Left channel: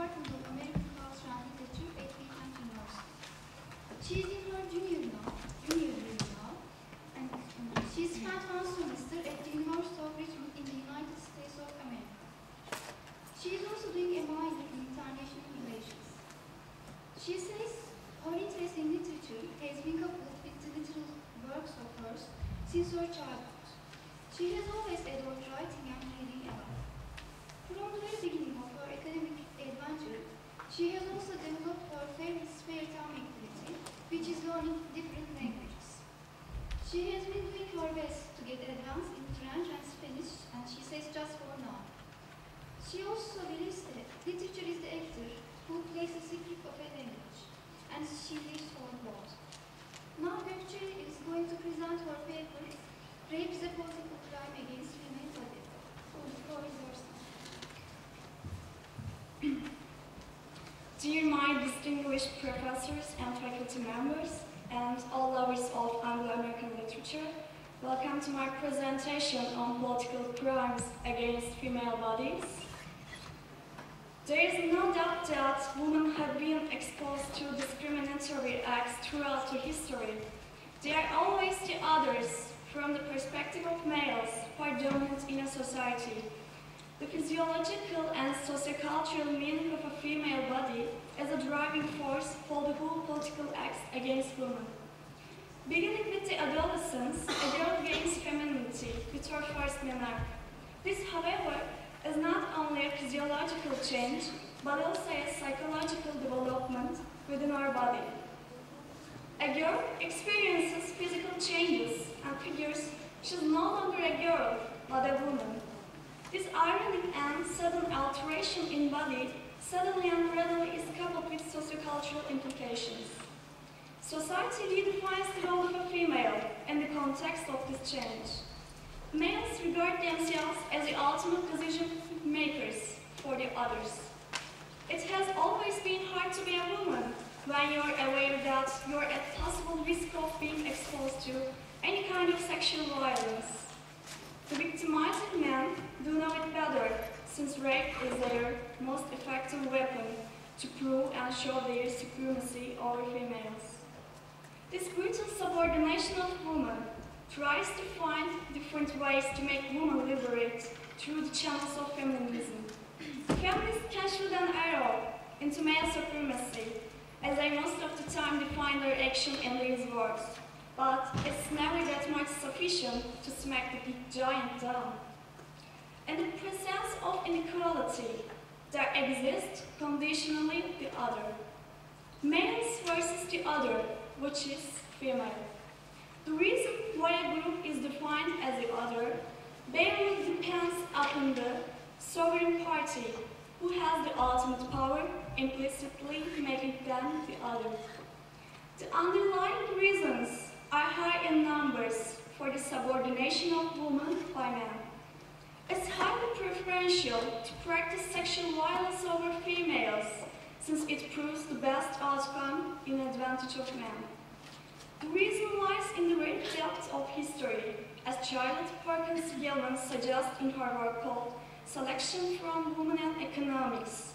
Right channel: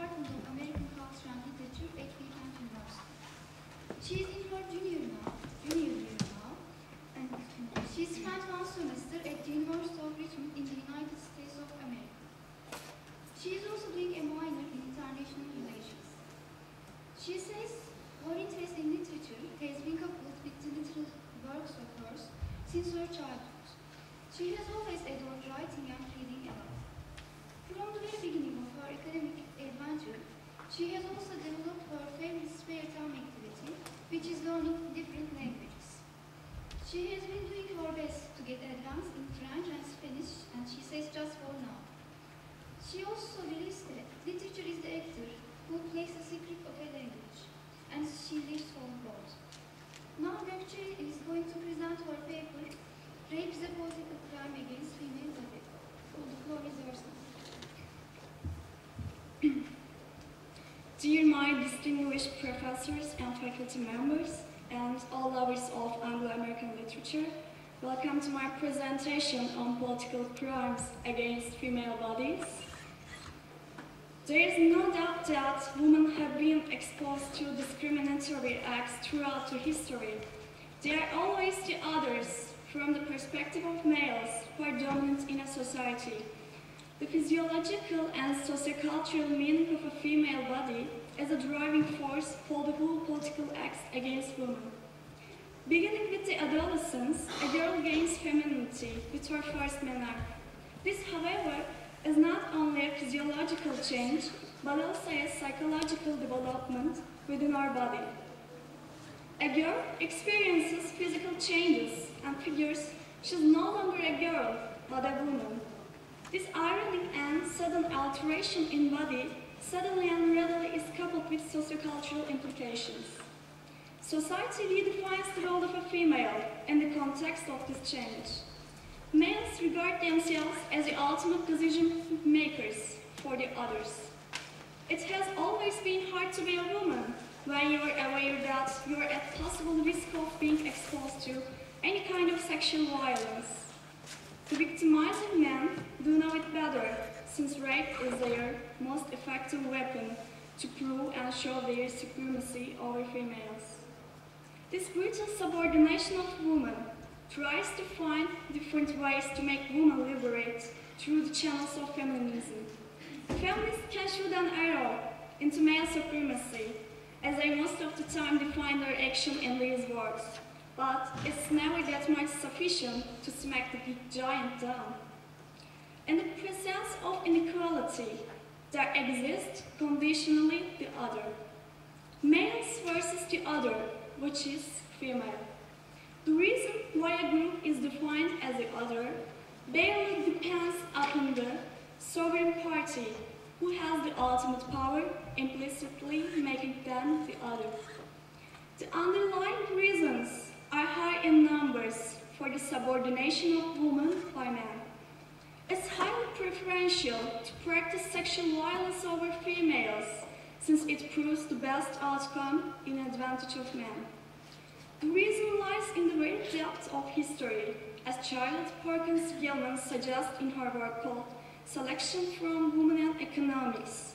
Department of American Culture and Literature at Bilkent University. She is in her junior year now, and she spent one semester at the University of Richmond in the United States of America. She is also doing a minor in international relations. She says her interest in literature has been coupled with the literal works of hers since her childhood. She has always adored writing and reading a lot. From the very beginning of her academic adventure, she has also developed her favorite spare time activity, which is learning different languages. She has been doing her best to get advanced in French and Spanish, and she says just for now. She also believes that literature is the actor who plays the secret of a language, and she lives for both. Now Gökçe is going to present her paper, Rape is a Political Crime Against Female Body. The floor is yours now. Dear my distinguished professors and faculty members, and all lovers of Anglo-American literature, welcome to my presentation on political crimes against female bodies. There is no doubt that women have been exposed to discriminatory acts throughout the history. They are always the others from the perspective of males who are dominant in a society. The physiological and sociocultural meaning of a female body as a driving force for the whole political acts against women. Beginning with the adolescence, a girl gains femininity with her first menarche. This, however, is not only a physiological change, but also a psychological development within our body. A girl experiences physical changes and figures she's no longer a girl, but a woman. This ironic and sudden alteration in body suddenly and readily is coupled with sociocultural implications. Society redefines the role of a female in the context of this change. Males regard themselves as the ultimate decision makers for the others. It has always been hard to be a woman when you are aware that you are at possible risk of being exposed to any kind of sexual violence. The victimizing men do know it better, since rape is their most effective weapon to prove and show their supremacy over females. This brutal subordination of women tries to find different ways to make women liberate through the channels of feminism. Feminists can shoot an arrow into male supremacy, as they most of the time define their action in these words. But it's never that much sufficient to smack the big giant down. In the presence of inequality, there exists conditionally the other. Males versus the other, which is female. The reason why a group is defined as the other barely depends upon the sovereign party, who has the ultimate power, implicitly making them the other. The underlying reasons are high in numbers for the subordination of women by men. It's highly preferential to practice sexual violence over females, since it proves the best outcome in advantage of men. The reason lies in the very depth of history, as Charlotte Perkins Gilman suggests in her work called Selection from Women and Economics.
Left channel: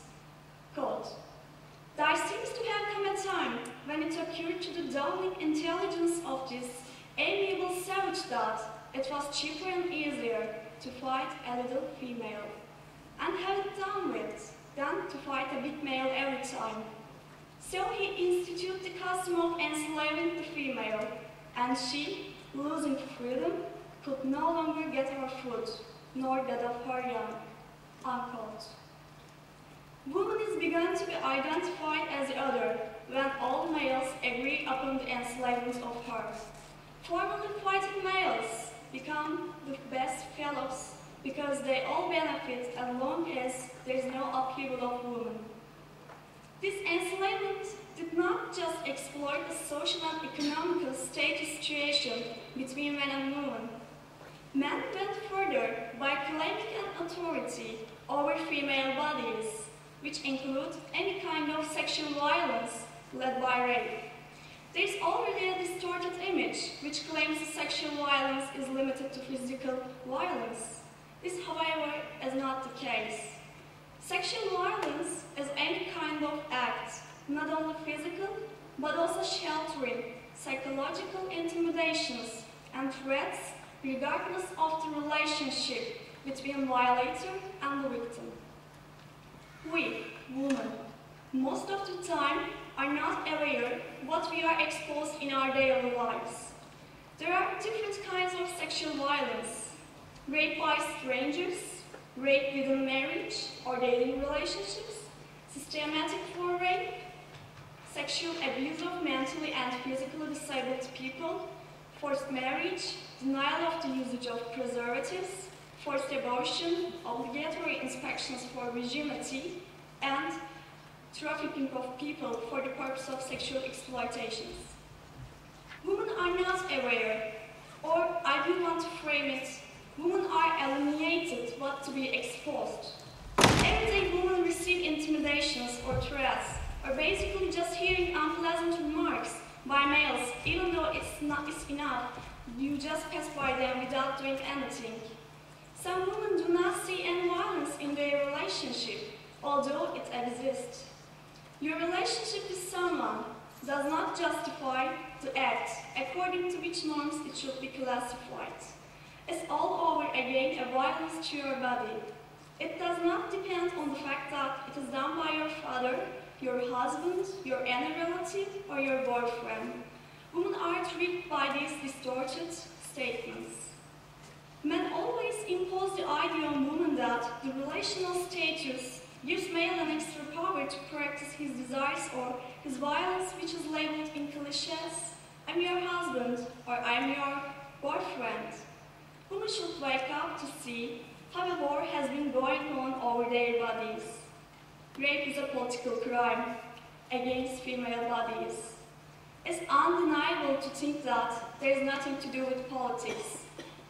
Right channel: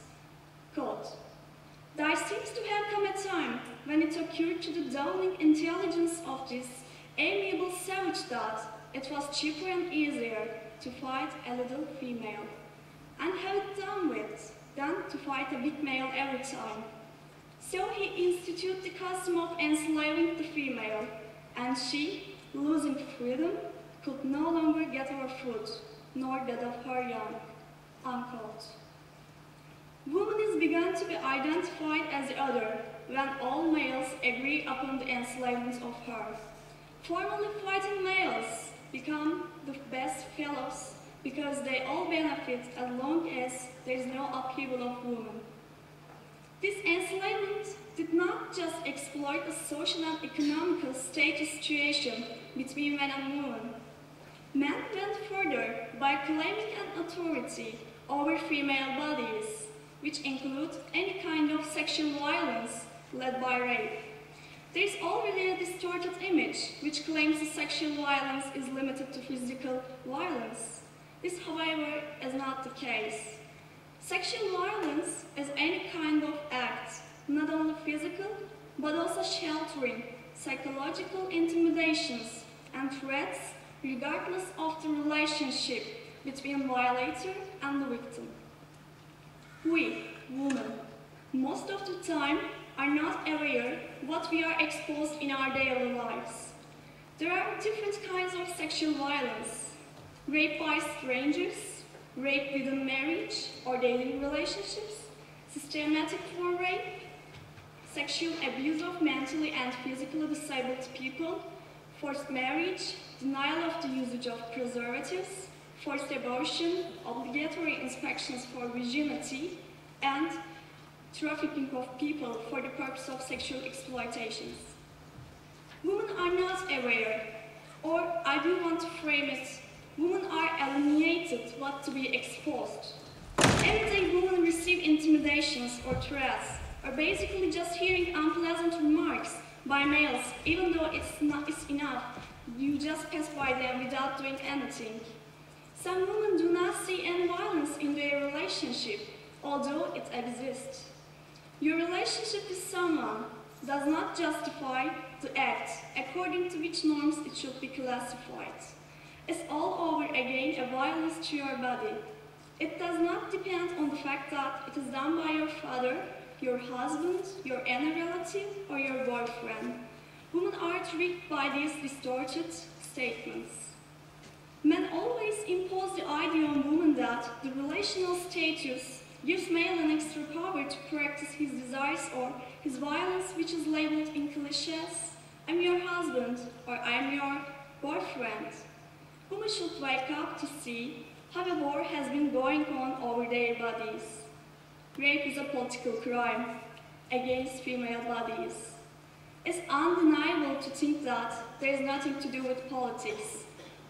Quote, "There seems to have come a time when it occurred to the dawning intelligence of this amiable savage that it was cheaper and easier to fight a little female, and have it done with, than to fight a big male every time. So he instituted the custom of enslaving the female, and she, losing freedom, could no longer get her food, nor that of her young." Unquote. Woman is begun to be identified as the other when all males agree upon the enslavement of her. Formerly fighting males become the best fellows because they all benefit as long as there is no upheaval of women. This enslavement did not just exploit a social and economical status situation between men and women. Men went further by claiming an authority over female bodies, which include any kind of sexual violence led by rape. There is already a distorted image which claims that sexual violence is limited to physical violence. This, however, is not the case. Sexual violence is any kind of act, not only physical, but also sheltering, psychological intimidations and threats regardless of the relationship between violator and the victim. We, women, most of the time are not aware what we are exposed in our daily lives. There are different kinds of sexual violence: rape by strangers, rape within marriage or dating relationships, systematic form rape, sexual abuse of mentally and physically disabled people, forced marriage, denial of the usage of preservatives, forced abortion, obligatory inspections for virginity, and trafficking of people for the purpose of sexual exploitations. Women are not aware, or I do want to frame it, women are alienated what to be exposed. Every day women receive intimidations or threats, or basically just hearing unpleasant remarks by males, even though it's enough, you just pass by them without doing anything. Some women do not see any violence in their relationship, although it exists. Your relationship with someone does not justify the act according to which norms it should be classified. It's all over again a violence to your body. It does not depend on the fact that it is done by your father, your husband, your any relative, or your boyfriend. Women are tricked by these distorted statements. Men always impose the idea on women that the relational status gives male an extra power to practice his desires or his violence, which is labeled in cliches: I'm your husband, or I'm your boyfriend. Women should wake up to see how a war has been going on over their bodies. Rape is a political crime against female bodies. It's undeniable to think that there is nothing to do with politics.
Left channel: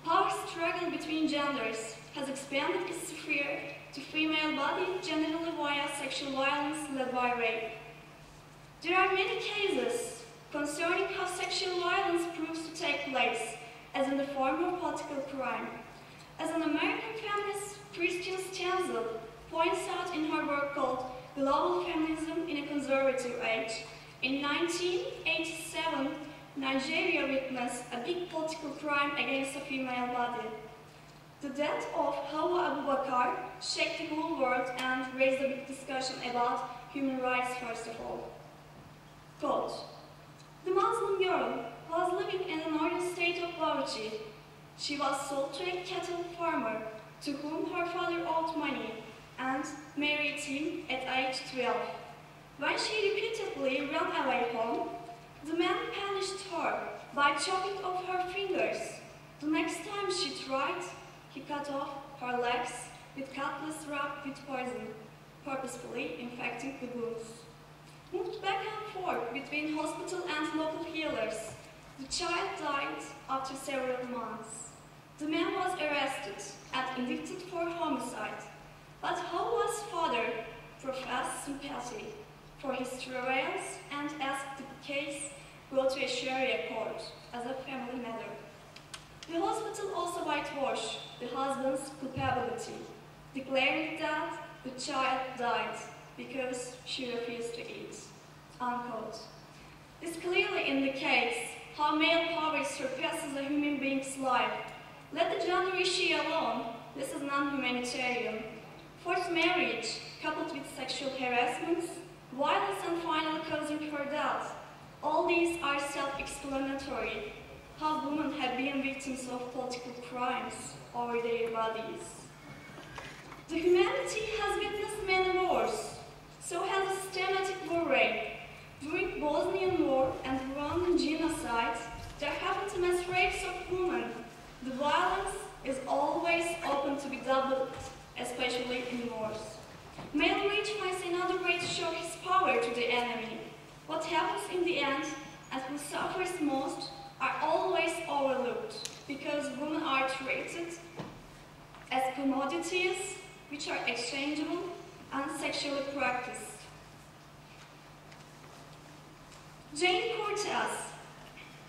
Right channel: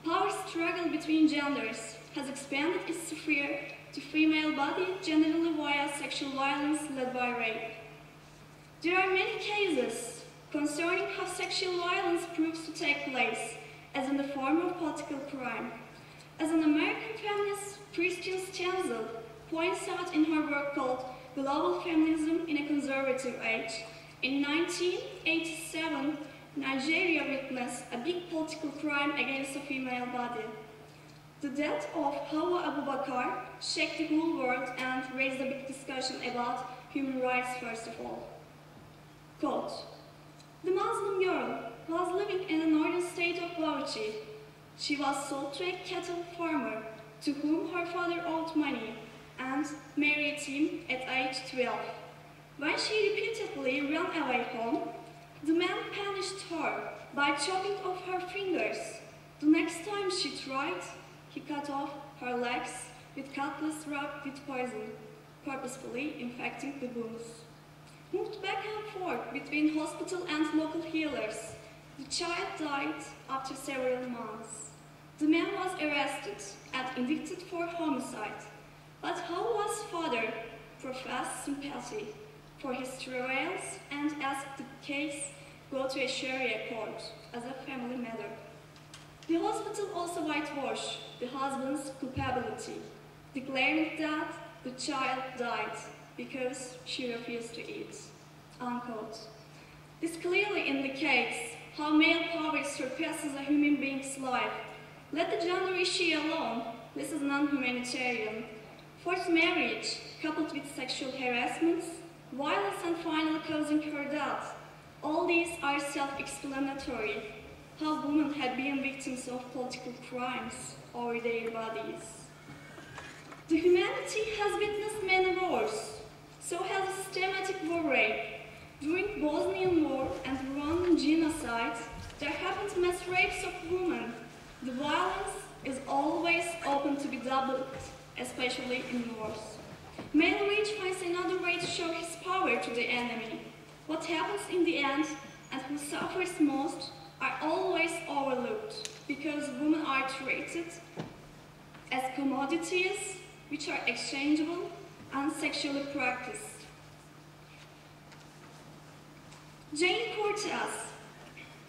Power struggle between genders has expanded its sphere to female body generally via sexual violence led by rape. There are many cases concerning how sexual violence proves to take place as in the form of political crime. As an American feminist, Christian Stenzel points out in her work called Global Feminism in a Conservative Age, in 1987, Nigeria witnessed a big political crime against a female body. The death of Hawa Abubakar shocked the whole world and raised a big discussion about human rights first of all. Quote, "The Muslim girl was living in the northern state of Gökçe. She was sold to a cattle farmer to whom her father owed money and married him at age 12. When she repeatedly ran away home, the man punished her by chopping off her fingers. The next time she tried, he cut off her legs with cutlass wrapped with poison, purposefully infecting the wounds. Moved back and forth between hospital and local healers, the child died after several months. The man was arrested and indicted for homicide, but Hawa's father professed sympathy for his travails and asked the case go to a Sharia court as a family matter. The hospital also whitewashed the husband's culpability, declaring that the child died because she refused to eat." Unquote. This clearly indicates how male power surpasses a human being's life. Let the gender issue alone. This is non-humanitarian. Forced marriage, coupled with sexual harassments, violence, and finally causing her death. All these are self-explanatory. How women have been victims of political crimes over their bodies. The humanity has witnessed many wars. So has a systematic war rape. During Bosnian War and Rwandan genocide, there happened mass rapes of women. The violence is always open to be doubled, especially in wars. Male rage finds another way to show his power to the enemy. What happens in the end and who suffers most are always overlooked because women are treated as commodities which are exchangeable and sexually practiced. Jane Cortez,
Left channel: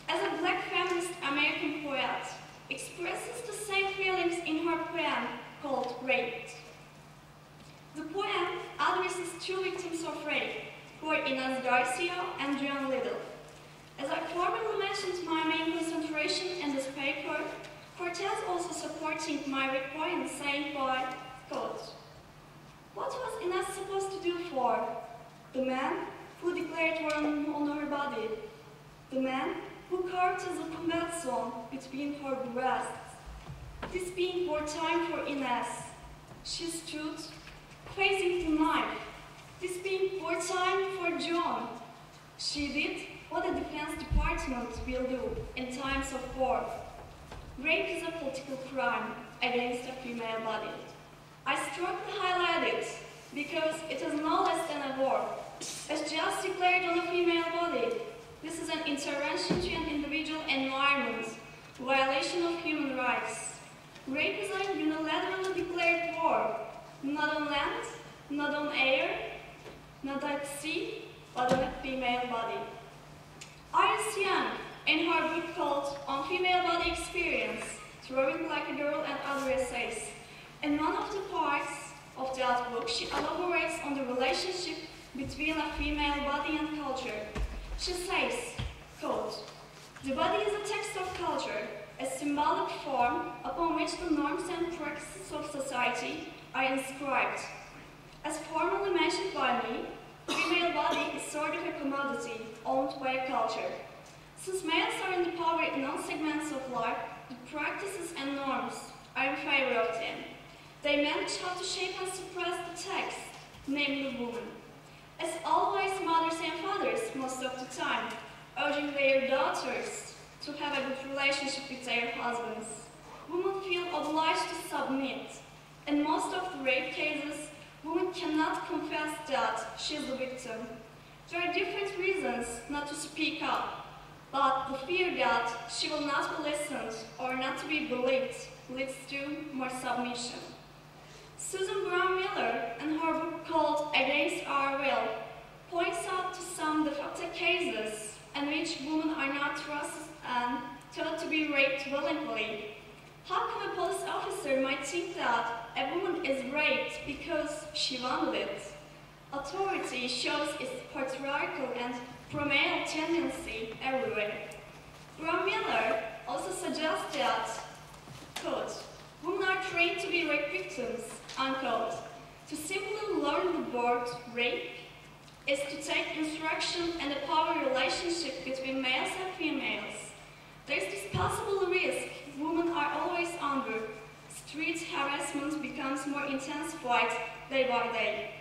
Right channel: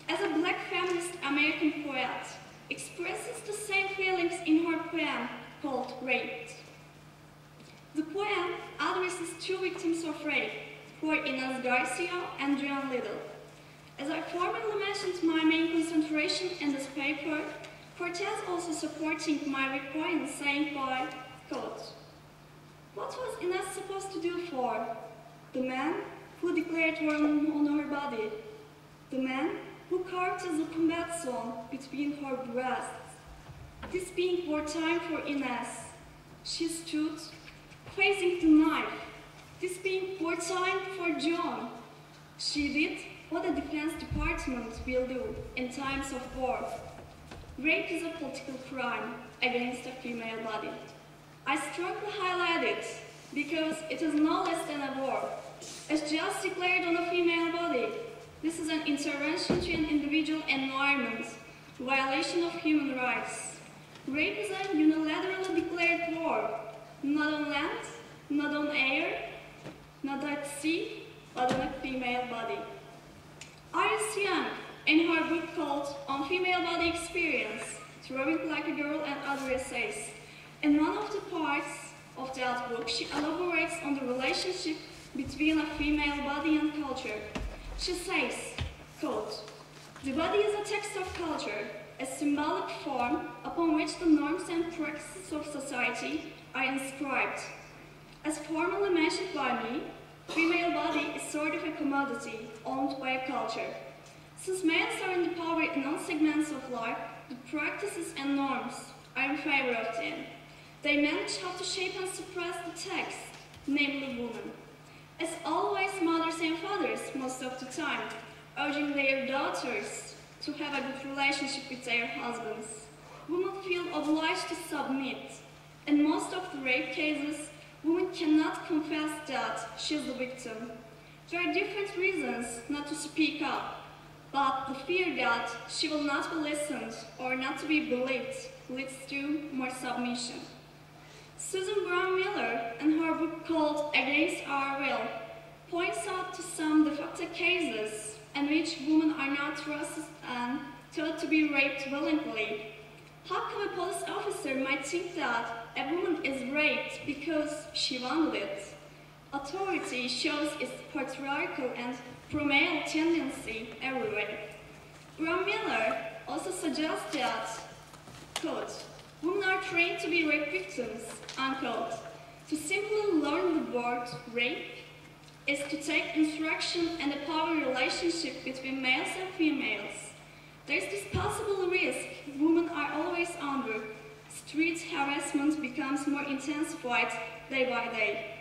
as a black feminist American poet, expresses the same feelings in her poem called Raped. The poem two victims of rape, who are Inez Garcia and John Little. As I formerly mentioned, my main concentration in this paper, Cortez also supporting my viewpoint, saying by, quote, "What was Inez supposed to do for? The man who declared war on her body, the man who carved as a combat zone between her breasts. This being wartime for Inez, she stood facing the knife. This being wartime for John, she did what the Defense Department will do in times of war. Rape is a political crime against a female body. I strongly highlight it because it is no less than a war. As just declared on a female body, this is an intervention to an individual environment, violation of human rights. Rape is a unilaterally declared war, not on land, not on air, not at sea, but on a female body." Iris Young, in her book called On Female Body Experience, Throwing Like a Girl and Other Essays, in one of the parts of that book, she elaborates on the relationship between a female body and culture. She says, quote, "The body is a text of culture, a symbolic form upon which the norms and practices of society are inscribed. As formerly mentioned by me, female body is sort of a commodity owned by a culture. Since males are in the power in all segments of life, the practices and norms are in favor of them. They manage how to shape and suppress the text, namely woman. As always, mothers and fathers, most of the time, urging their daughters to have a good relationship with their husbands. Women feel obliged to submit. In most of the rape cases, women cannot confess that she is the victim. There are different reasons not to speak up, but the fear that she will not be listened or not to be believed leads to more submission." Susan Brown Miller, in her book called Against Our Will, points out to some de facto cases in which women are not trusted and taught to be raped willingly. How come a police officer might think that a woman is raped because she wanted it? Authority shows its patriarchal and pro-male tendency everywhere. Brown Miller also suggests that, quote, "Women are trained to be rape victims," unquote. To simply learn the word rape is to take instruction in the power relationship between males and females. There is this possible risk women are always under. Street harassment becomes more intensified day by day.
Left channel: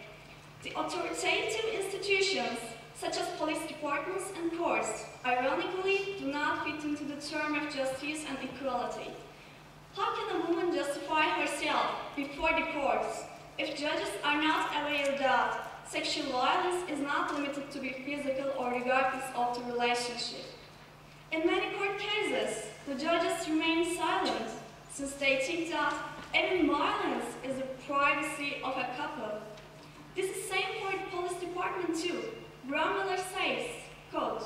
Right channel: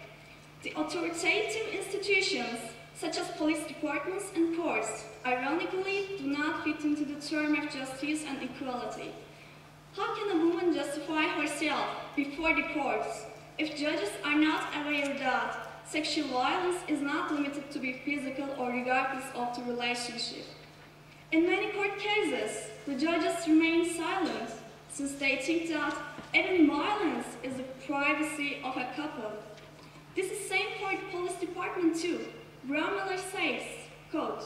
The authoritative institutions, such as police departments and courts, ironically do not fit into the term of justice and equality. How can a woman justify herself before the courts if judges are not aware that sexual violence is not limited to be physical or regardless of the relationship? In many court cases, the judges remain silent since they think that even violence is the privacy of a couple. This is same for the police department too. Brown Miller says, quote,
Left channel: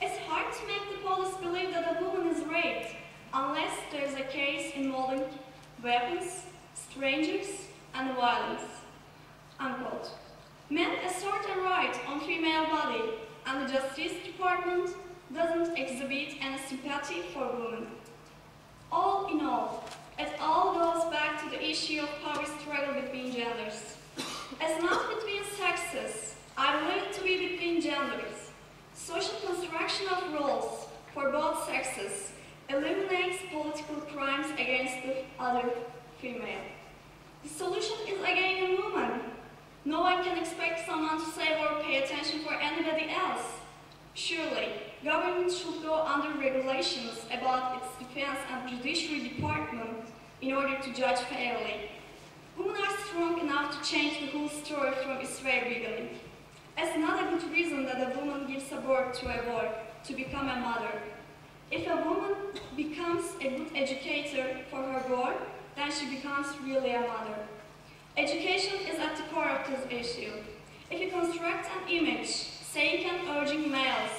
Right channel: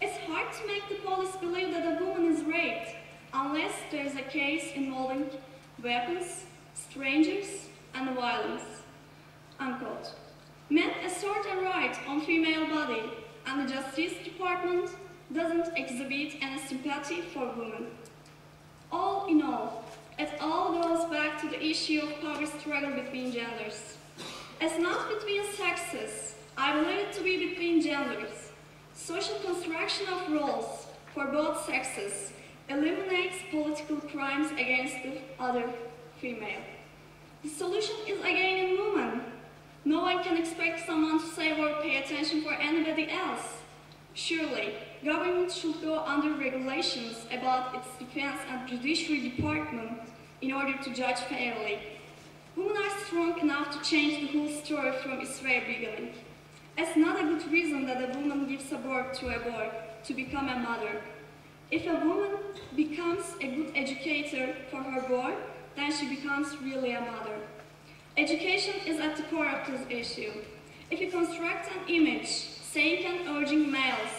"It's hard to make the police believe that a woman is raped unless there is a case involving weapons, strangers, and violence," unquote. Men assert a right on female body, and the Justice Department doesn't exhibit any sympathy for women. All in all, it all goes back to the issue of power struggle between genders. It's not between sexes, I believe it to be between genders. Social construction of roles for both sexes eliminates political crimes against the other female. The solution is again in women. No one can expect someone to save or pay attention for anybody else. Surely, government should go under regulations about its defense and judiciary department in order to judge fairly. Women are strong enough to change the whole story from its very beginning. It's not a good reason that a woman gives a birth to a boy to become a mother. If a woman becomes a good educator for her boy, then she becomes really a mother. Education is at the core of this issue. If you construct an image saying and urging males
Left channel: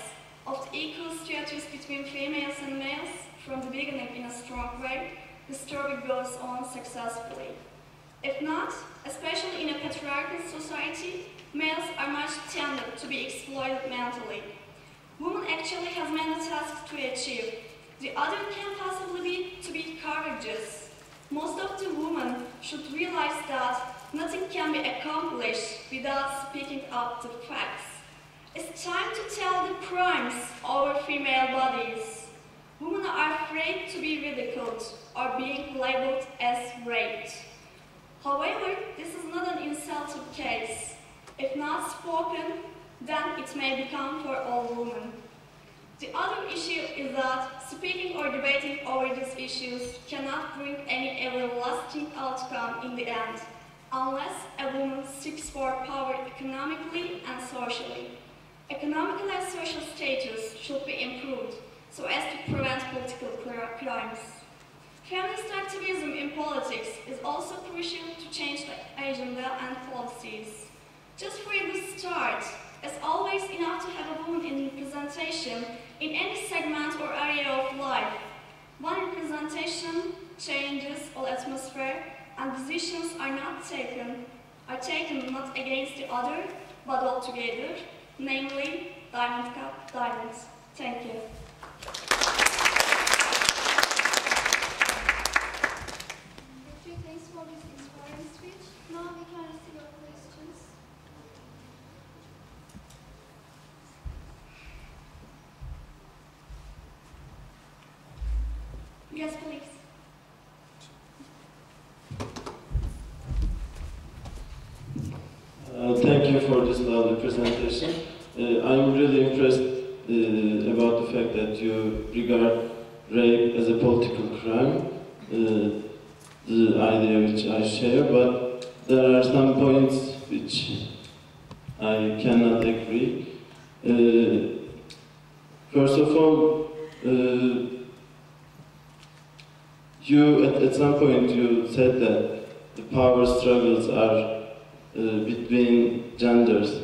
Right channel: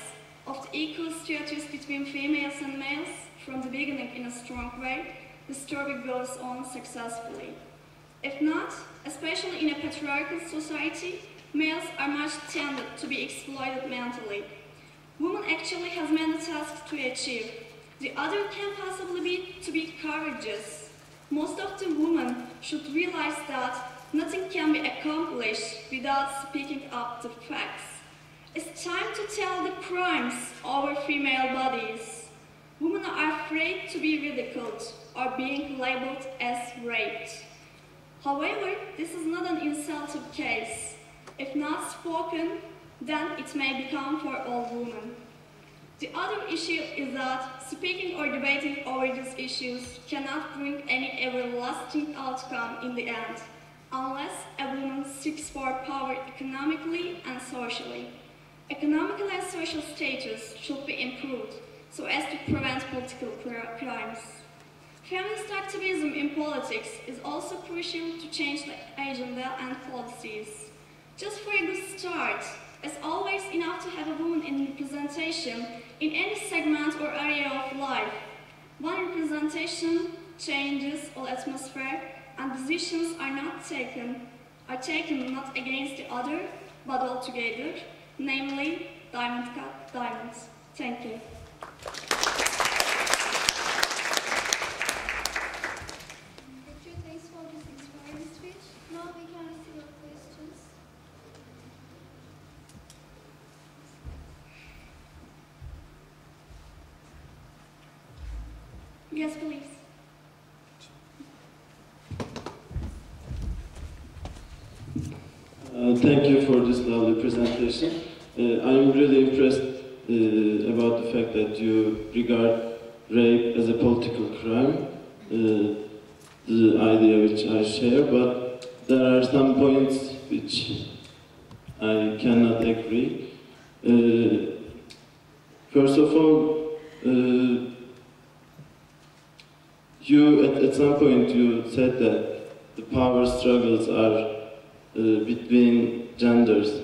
of the equal status between females and males from the beginning in a strong way, the story goes on successfully. If not, especially in a patriarchal society, males are much tended to be exploited mentally. Women actually have many tasks to achieve. The other can possibly be to be courageous. Most of the women should realize that nothing can be accomplished without speaking up the facts. It's time to tell the crimes over female bodies. Women are afraid to be ridiculed or being labeled as raped. However, this is not an insulted case. If not spoken, then it may become for all women. The other issue is that speaking or debating over these issues cannot bring any everlasting outcome in the end, unless a woman seeks for power economically and socially. Economical and social status should be improved so as to prevent political crimes. Feminist activism in politics is also crucial to change the agenda and policies. Just for a good start, it's always enough to have a woman in representation in any segment or area of life. One representation changes all atmosphere, and decisions are taken not against the other, but all together, namely diamond cut diamonds. Thank you. Gökçe, thanks for this inspiring speech. Now we can receive your questions. Yes, please. Thank you for this lovely presentation. I'm really impressed about the fact that you regard rape as a political crime, the idea which I share, but there are some points which I cannot agree. First of all, at some point you said that the power struggles are between genders.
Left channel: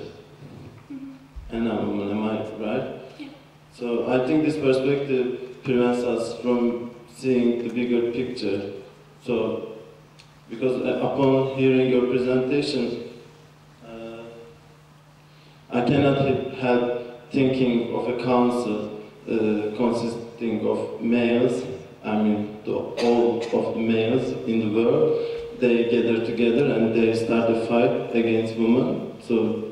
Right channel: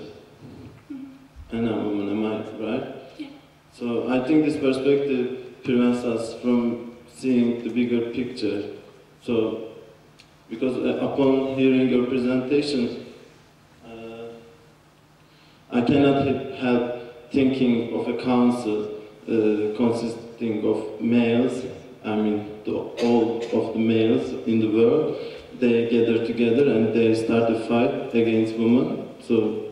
And a woman, am I right? Yeah. So I think this perspective prevents us from seeing the bigger picture. So, because upon hearing your presentation, I cannot help thinking of a council consisting of males. I mean, all of the males in the world. They gather together and they start a fight against women. So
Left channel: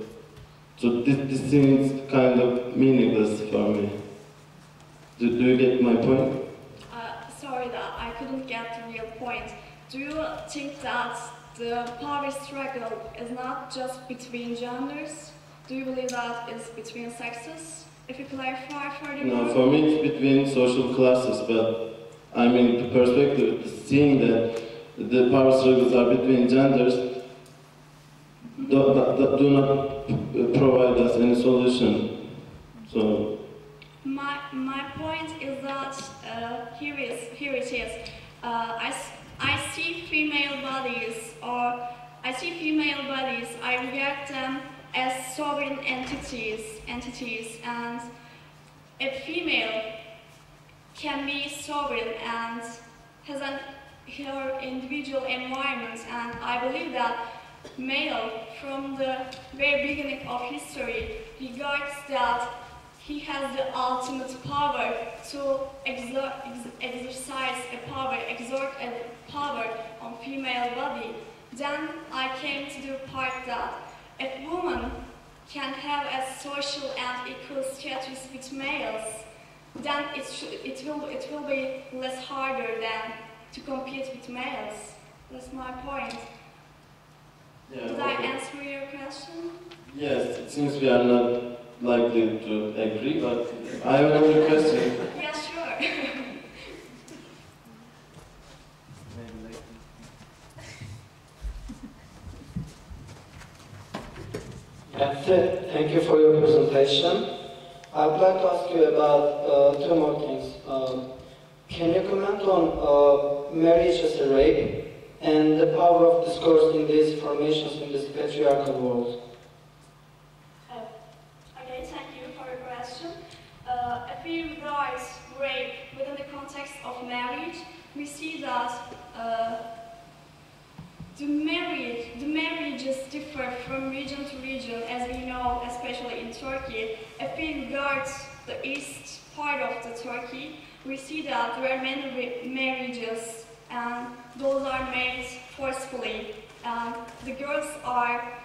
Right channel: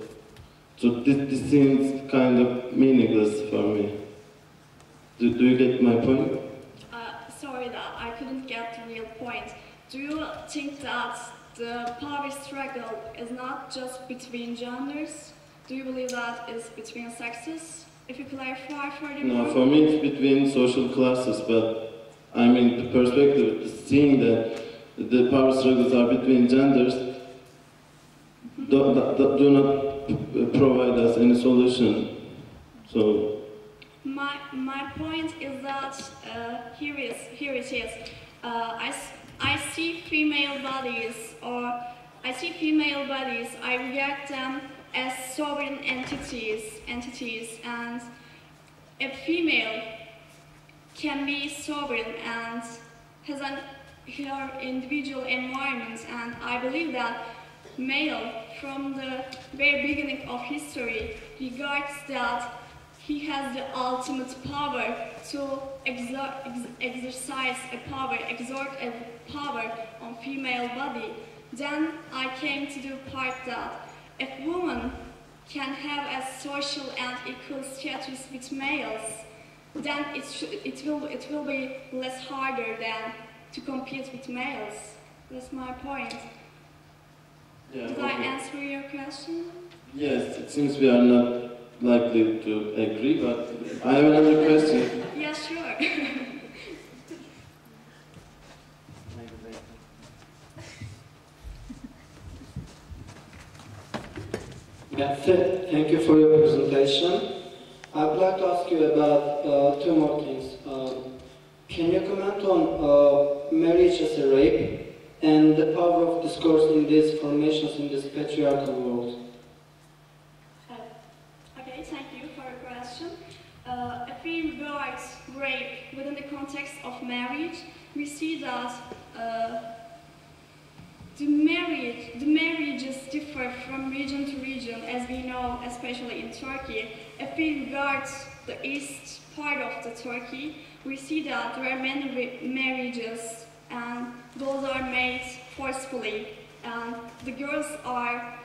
this seems kind of meaningless for me. Do you get my point? Sorry that I couldn't get the real point. Do you think that the power struggle is not just between genders? Do you believe that it's between sexes? If you clarify further. No, for me it's between social classes, but I mean the perspective, seeing that the power struggles are between genders do not provide us any solution. So my point is that here it is. I see female bodies, I regard them as sovereign entities, and a female can be sovereign and has her individual environment, and I believe that male, from the very beginning of history, regards that he has the ultimate power to exercise a power, exert a power on female body. Then I came to the part that if women can have a social and equal status with males, then it will be less harder than to compete with males. That's my point. yeah, Did I answer your question? Yes, it seems we are not likely to agree, but I have another question. Yeah, sure. Yeah, thank you for your presentation. I would like to ask you about two more things. Can you comment on marriage as a rape and the power of discourse in these formations in this patriarchal world? Okay, thank you for your question. If we write rape within the context of marriage, we see that the marriages differ from region to region, as in Turkey, if we regard the east part of the Turkey, we see that there are many marriages, and those are made forcefully. The girls are,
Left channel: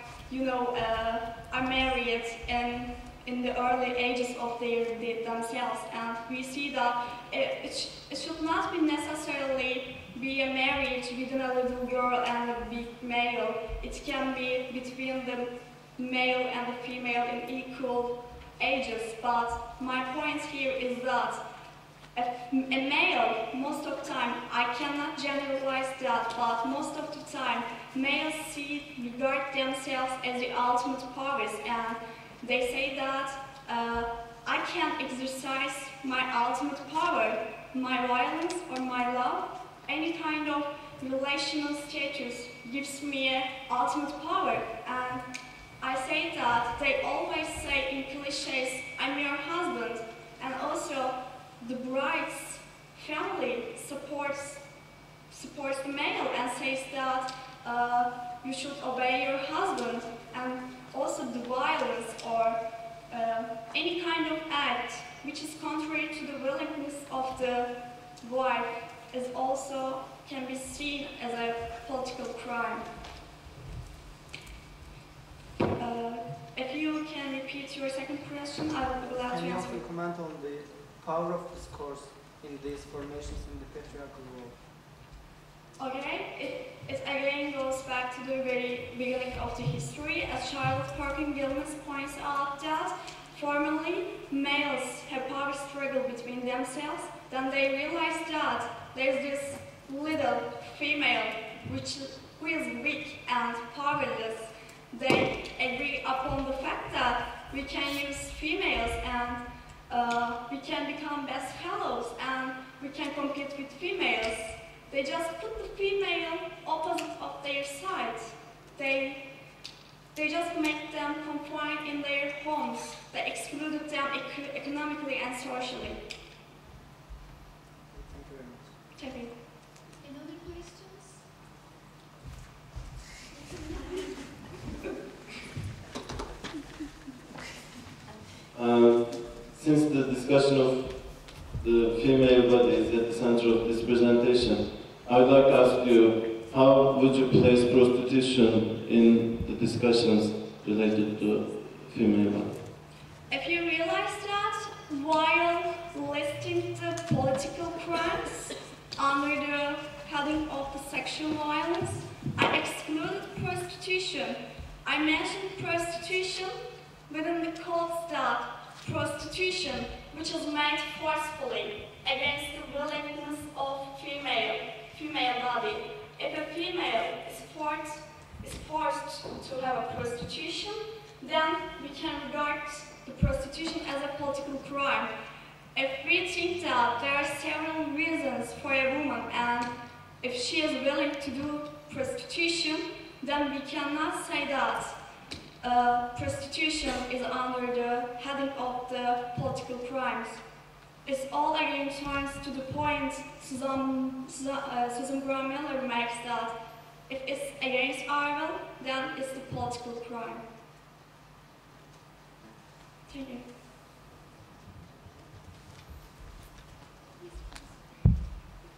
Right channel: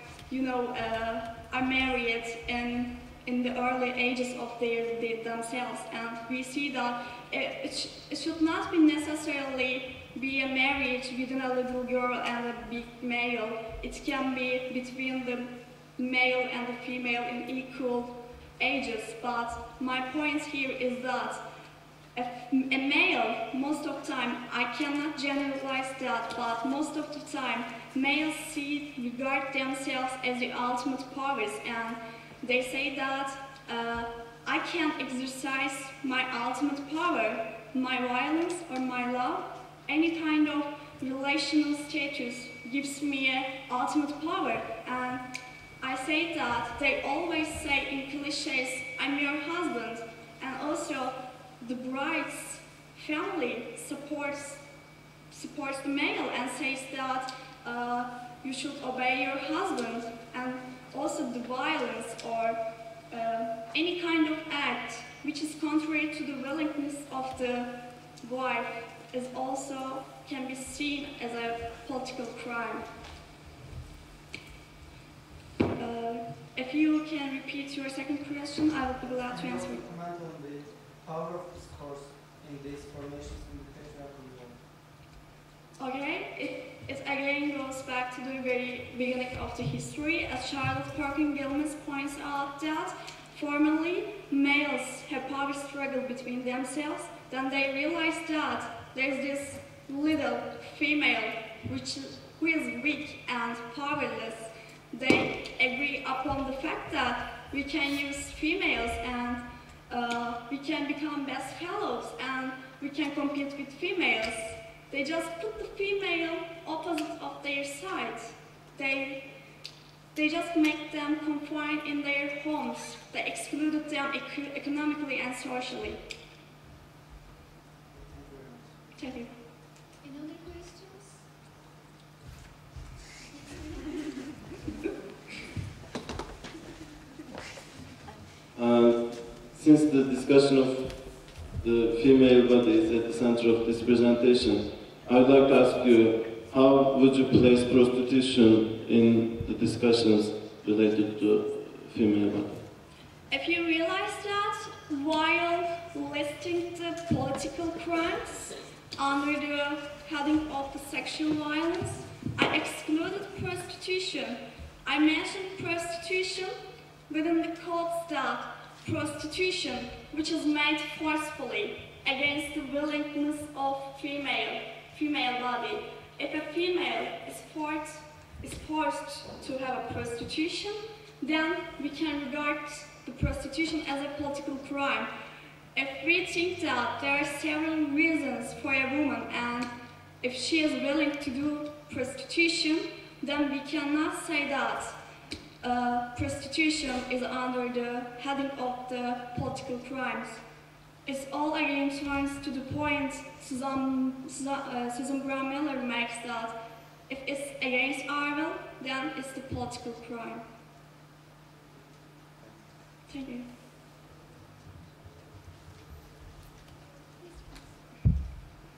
are married in the early ages of themselves, and we see that it should not be necessarily be a marriage within a little girl and a big male. It can be between the male and the female in equal ages. But my point here is that if a male, most of the time, I cannot generalize that, but most of the time, males regard themselves as the ultimate powers, and they say that I can exercise my ultimate power, my violence or my love. Any kind of relational status gives me an ultimate power, and I say that they always say in cliches, I'm your husband, and also the bride's family supports the male and says that you should obey your husband, and also the violence or any kind of act which is contrary to the willingness of the wife is also can be seen as a political crime. If you can repeat your second question, I would be glad to answer. Can you comment on the power of discourse in these formations in the patriarchal world? Okay, it again goes back to the very beginning of the history. As Charlotte Perkins-Gilman points out that formerly males have power struggle between themselves, then they realize that there's this little female who is weak and powerless. They agree upon the fact that we can use females and we can become best fellows and we can compete with females. They just put the female opposite of their side. They just make them confined in their homes. They excluded them economically and socially. Thank you. Any other questions? Since the discussion of the female body is at the center of this presentation, I would like to ask you, how would you place prostitution in the discussions related to female body? If you realize that while listing the political crimes under the heading of the sexual violence, I excluded prostitution. I mentioned prostitution within the codes that prostitution, which is made forcefully against the willingness of female body. If a female is forced to have a prostitution, then we can regard the prostitution as a political crime. If we think that there are several reasons for a woman and if she is willing to do prostitution, then we cannot say that prostitution is under the heading of the political crimes. It's all again turns to the point Susan Brown-Miller makes that if it's against our will, then it's the political crime. Thank you.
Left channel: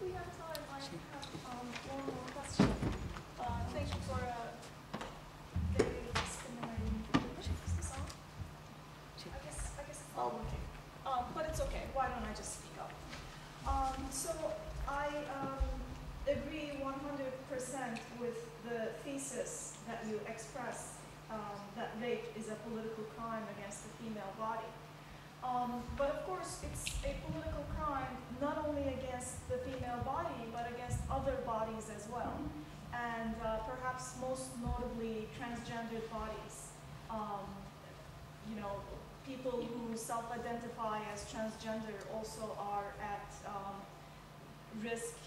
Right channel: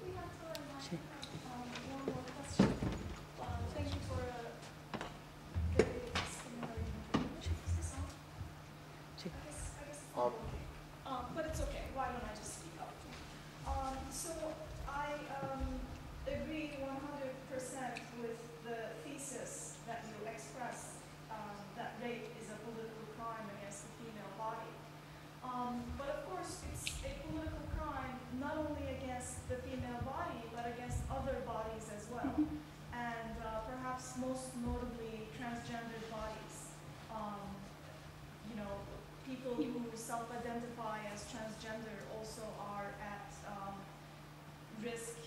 We have time. I have one more question. Thank you for very stimulating information. Is this on? I guess it's not working. But it's okay. Why don't I just speak up? So I agree 100% with the thesis that you expressed, that rape is a political crime against the female body. But of course, it's a political crime not only against the female body, but against other bodies as well. And perhaps most notably, transgendered bodies. People who self-identify as transgender also are at risk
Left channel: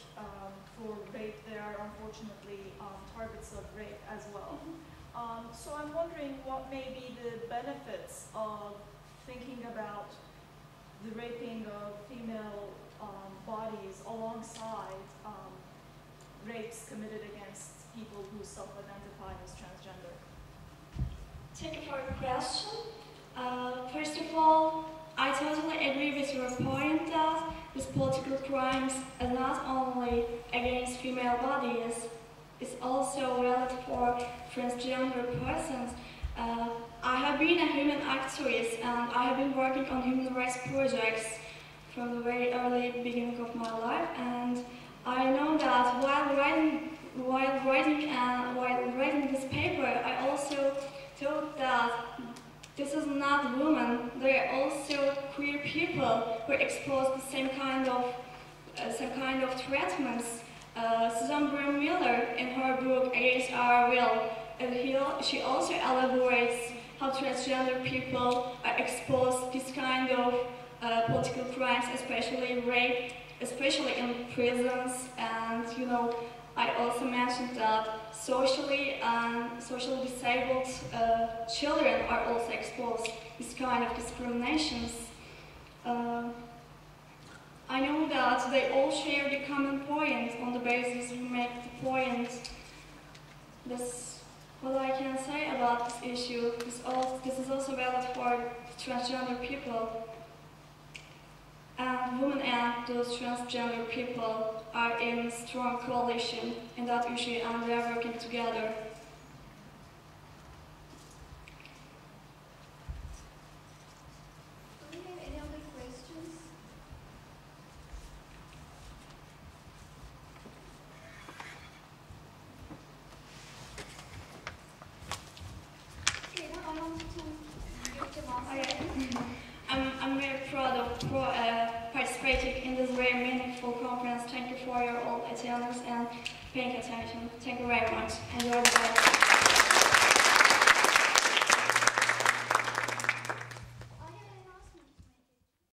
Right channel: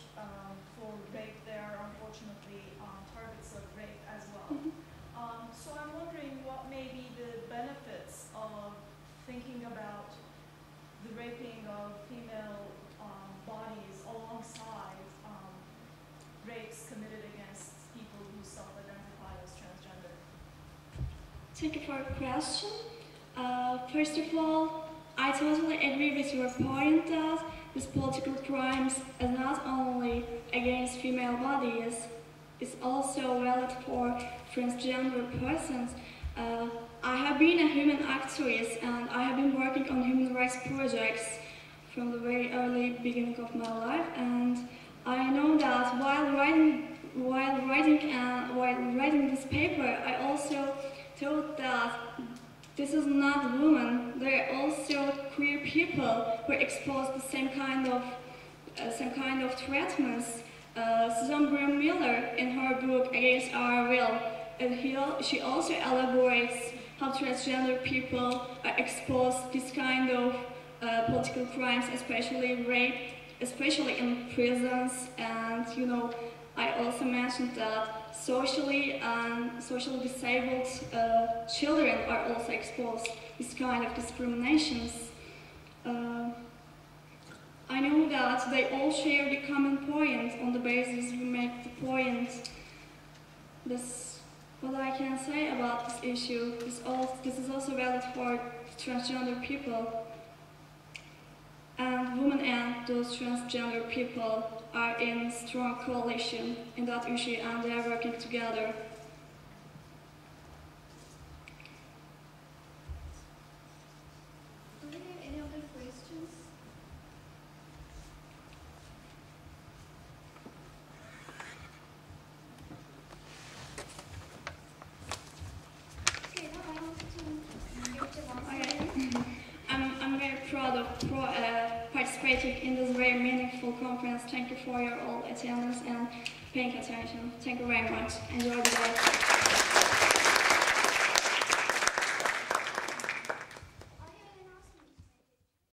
for rape. They are unfortunately targets of rape as well. So I'm wondering what may be the benefits of thinking about the raping of female bodies alongside rapes committed against people who self-identify as transgender. Thank you for your question. First of all, I totally agree with your point that these political crimes are not only against female bodies, it's also valid for transgender persons. I have been a human activist and I have been working on human rights projects from the very early beginning of my life, and I know that while writing this paper, I also thought that this is not women. There are also queer people who are exposed to same kind of treatments. Susan Brown Miller, in her book Against Our Will, she also elaborates how transgender people are exposed to this kind of political crimes, especially rape, especially in prisons. And you know, I also mentioned that socially disabled children are also exposed to this kind of discriminations. I know that they all share the common point. On the basis we make the point. That's what I can say about this issue. This is also valid for transgender people. And women and those transgender people are in strong coalition in that issue, and they are working together. Do we have any other questions? Okay, now I want to Gökçe once again. I'm very proud of participating in this very meaningful conference. Thank you for your all attendance and paying attention. Thank you very much. Enjoy the day.